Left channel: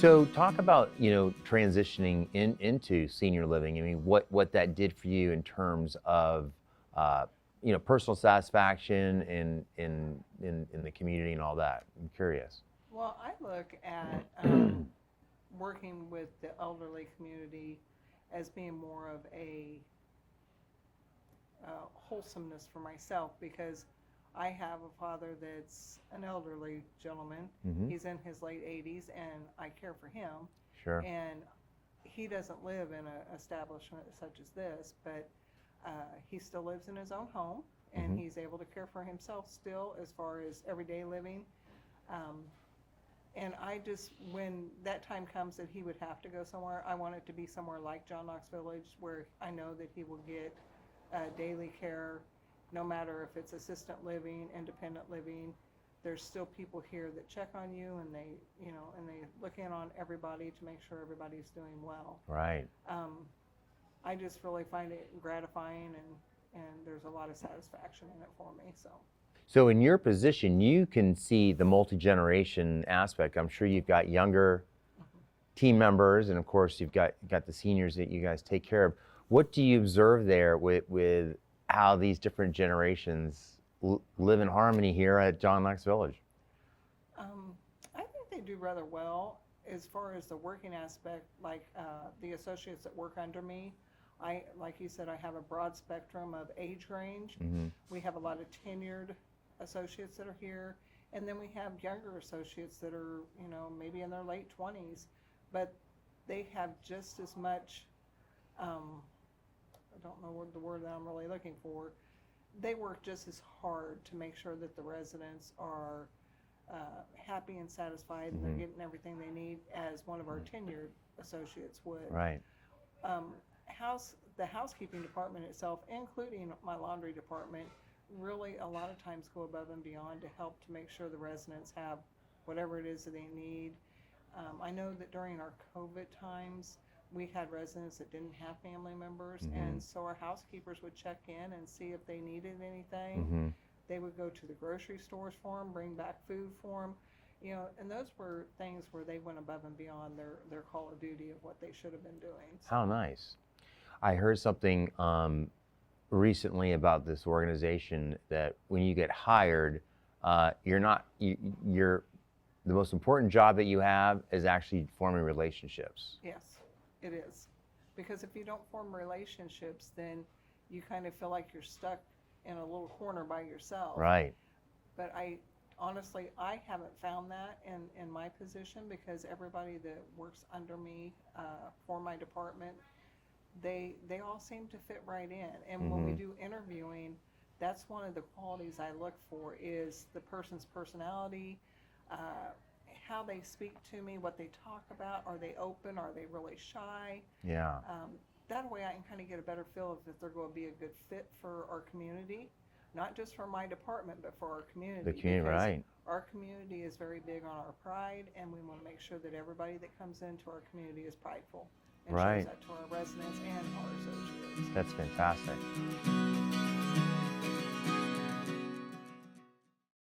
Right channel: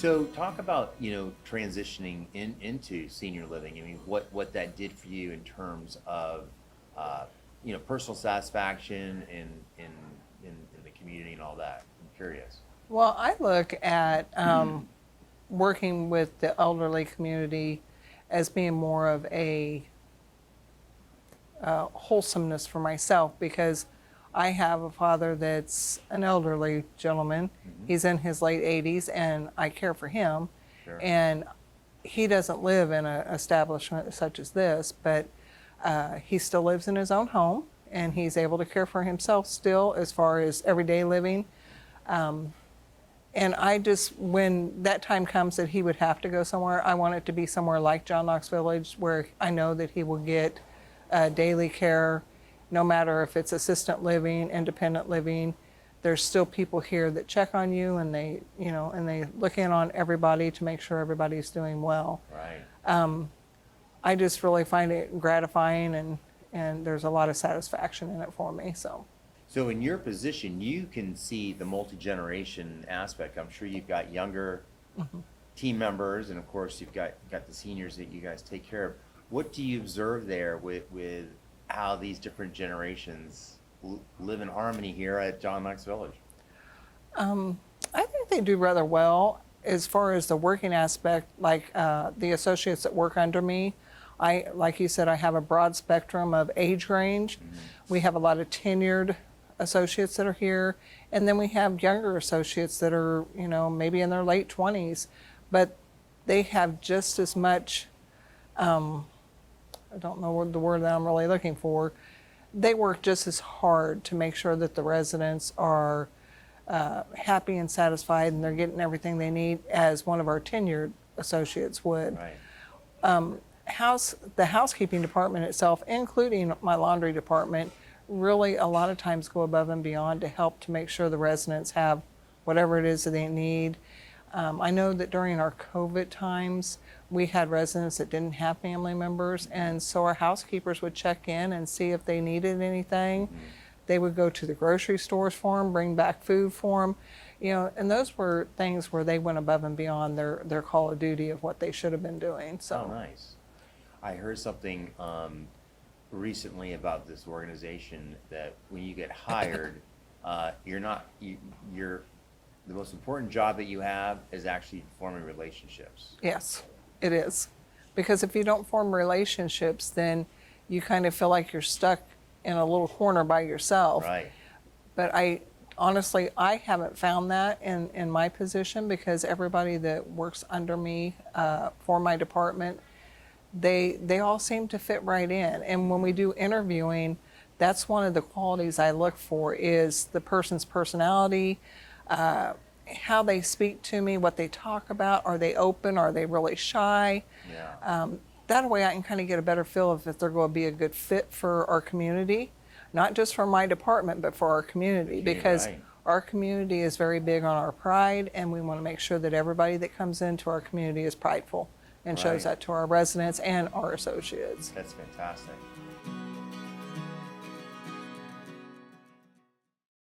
So talk about, transitioning into senior living. I mean, what that did for you in terms of, personal satisfaction in the community and all that. I'm curious. Well, I look at working with the elderly community as being more of a wholesomeness for myself because I have a father that's an elderly gentleman. He's in his late 80s, and I care for him. Sure. And he doesn't live in an establishment such as this, but he still lives in his own home, and he's able to care for himself still as far as everyday living. And I just, when that time comes that he would have to go somewhere, I want it to be somewhere like John Knox Village where I know that he will get daily care, no matter if it's assisted living, independent living. There's still people here that check on you, and they look in on everybody to make sure everybody's doing well. Right. I just really find it gratifying, and there's a lot of satisfaction in it for me. So in your position, you can see the multi-generation aspect. I'm sure you've got younger team members, and of course you've got the seniors that you guys take care of. What do you observe there with how these different generations live in harmony here at John Knox Village? I think they do rather well as far as the working aspect. Like the associates that work under me, like you said, I have a broad spectrum of age range. We have a lot of tenured associates that are here, and then we have younger associates that are, maybe in their late 20s, but they have just as much, I don't know what the word that I'm really looking for. They work just as hard to make sure that the residents are happy and satisfied and they're getting everything they need as one of our tenured associates would. Right. The housekeeping department itself, including my laundry department, really a lot of times go above and beyond to help to make sure the residents have whatever it is that they need. I know that during our COVID times, we had residents that didn't have family members, and so our housekeepers would check in and see if they needed anything. They would go to the grocery stores for them, bring back food for them, and those were things where they went above and beyond their call of duty of what they should have been doing. So. Oh, nice. I heard something recently about this organization that when you get hired, you're the most important job that you have is actually forming relationships. Yes, it is. Because if you don't form relationships, then you kind of feel like you're stuck in a little corner by yourself. Right. But honestly, I haven't found that in my position, because everybody that works under me for my department, they all seem to fit right in. And when we do interviewing, that's one of the qualities I look for, is the person's personality, how they speak to me, what they talk about. Are they open? Are they really shy? Yeah. That way I can kind of get a better feel of if they're going to be a good fit for our community, not just for my department, but for our community. Because right. Our community is very big on our pride, and we want to make sure that everybody that comes into our community is prideful and shows Right. that to our residents and our associates. That's fantastic.